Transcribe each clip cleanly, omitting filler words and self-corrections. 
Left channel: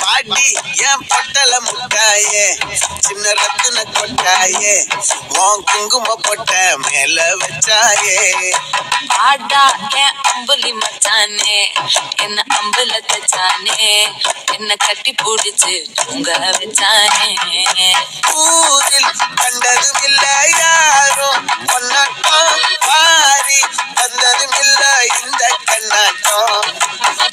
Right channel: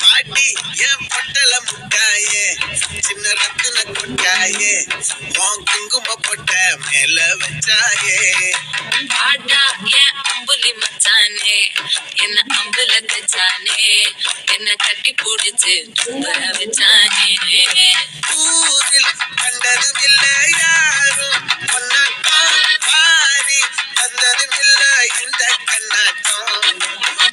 பாட்டி என் பொட்டல முட்டாயே சின்ன ரத்தின கொட்டாயே உன் குங்கும பொட்ட மேல வச்சாயே ஆடா என் அம்புலி மச்சானே என்ன அம்புல கச்சானே என்ன கட்டி பிடிச்சு தூங்க வச்சானே ஊரில் கண்டதும் இல்ல யாரும் பொன்னாட்டம் பாரி வந்ததும் இல்ல இந்த கண்ணாட்டம்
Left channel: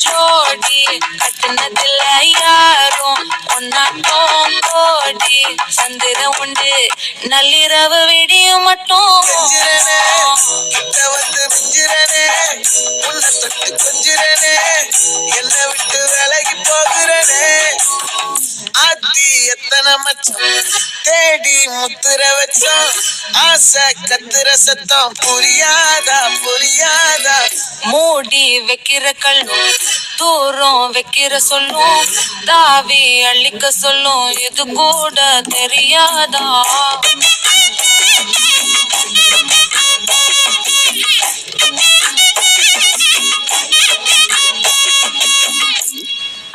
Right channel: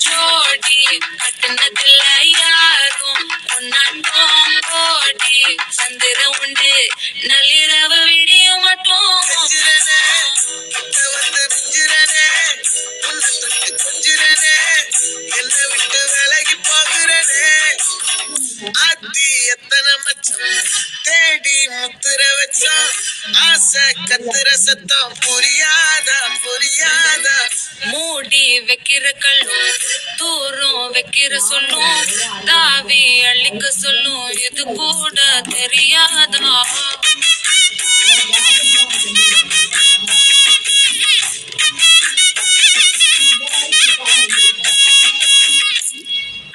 ஜோடி கட்டுனதில்ல யாரும் பொன்னாட்டம் கோடி சந்திர உண்டு நள்ளிரவு விடியும் மட்டும் கெஞ்சிரனே கிட்ட வந்து மிஞ்சிரனே உன்னை தொட்டு கொஞ்சிரனே என்ன விட்டு விலகி போகிறனே ஆத்தி எத்தனை மச்சம் தேடி முத்துற வச்சோம் ஆசை கத்துற சத்தம் புரியாதா புரியாதா மூடி வைக்கிற கல்லும் தூரம் வைக்கிற சொல்லும் தாவி அள்ளிக்க சொல்லும் இது கூட தெரியாதா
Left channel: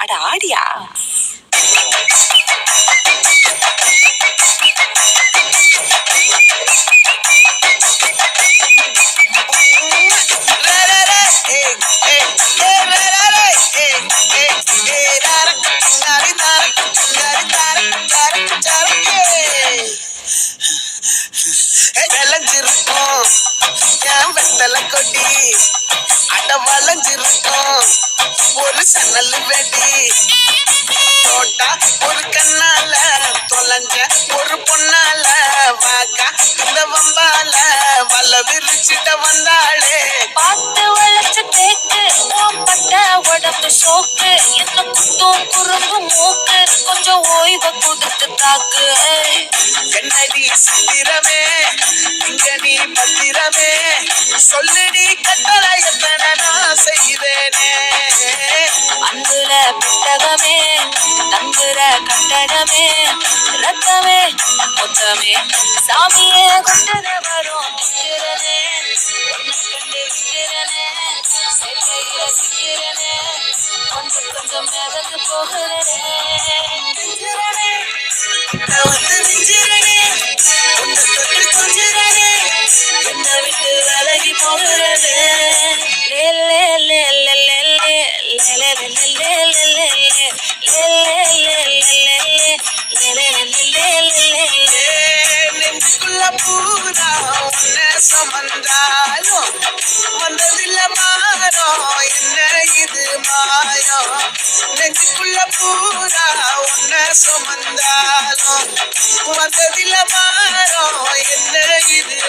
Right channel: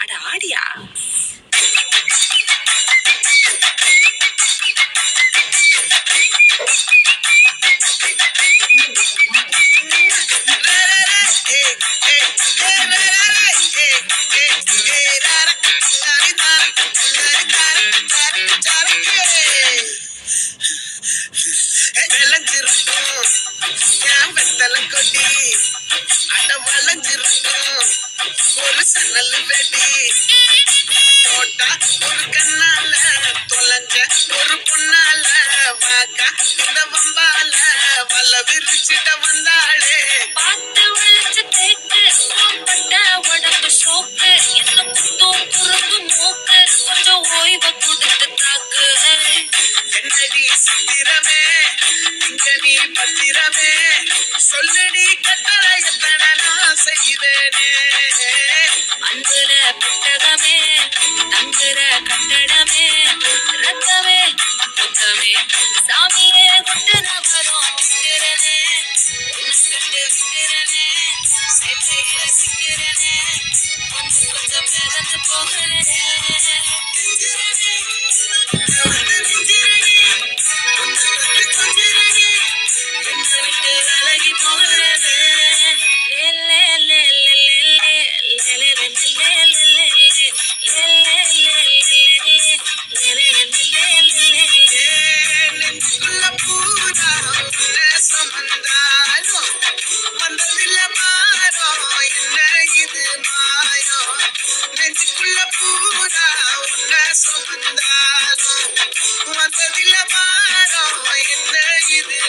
அட ஆடியா விளைஞ்சிருக்கும் என் வெத்தல கொடி அட வளைஞ்சிருக்கும் ஒரு சன்னல் வெடி தோட்டா ஒரு கண்ணால தொலைஞ்ச ஒரு பொண்ணால வாக்கா இந்த வம்பால வல்ல விரிச்சிட்ட வந்தாளே பார்த்து வளைச்ச தேக்கு பட்ட உடம்பு சோக்கு என்ன குத்தும் குறும்பு மூக்கு கொஞ்சம் ஓய்வை கொடுத்து தாக்கு என்னடி சித்திரமே இங்க நீ பத்திரமே சொல்லுடி கட்டளை எத்தனை நான் செய்வேனே அன்புல பெட்டகமே தங்குற கட்டடமே ரத்தமே மொத்தமே சாமியே கொட்டுன வரும் திக்கிறனே உன்னை கண்டு விக்கிறனே சேட்டையில சிக்கிறனே கொஞ்சம் கொஞ்சம் மிதந்து போகிறனே நெஞ்சிரனே கிட்ட வந்து மிஞ்சிரனே உன்னை தொட்டு கொஞ்சிரனே என்ன விட்டு விலகி போகிறனே நெஞ்சுக்குள்ள பூரா உன்னை சுமந்தாலும் வந்ததில்ல மாறம் என்ன இது மாயம் நெஞ்சுக்குள்ள பூரா உன்னை சுமந்தாலும் வந்ததில்ல மாறம் என்ன இது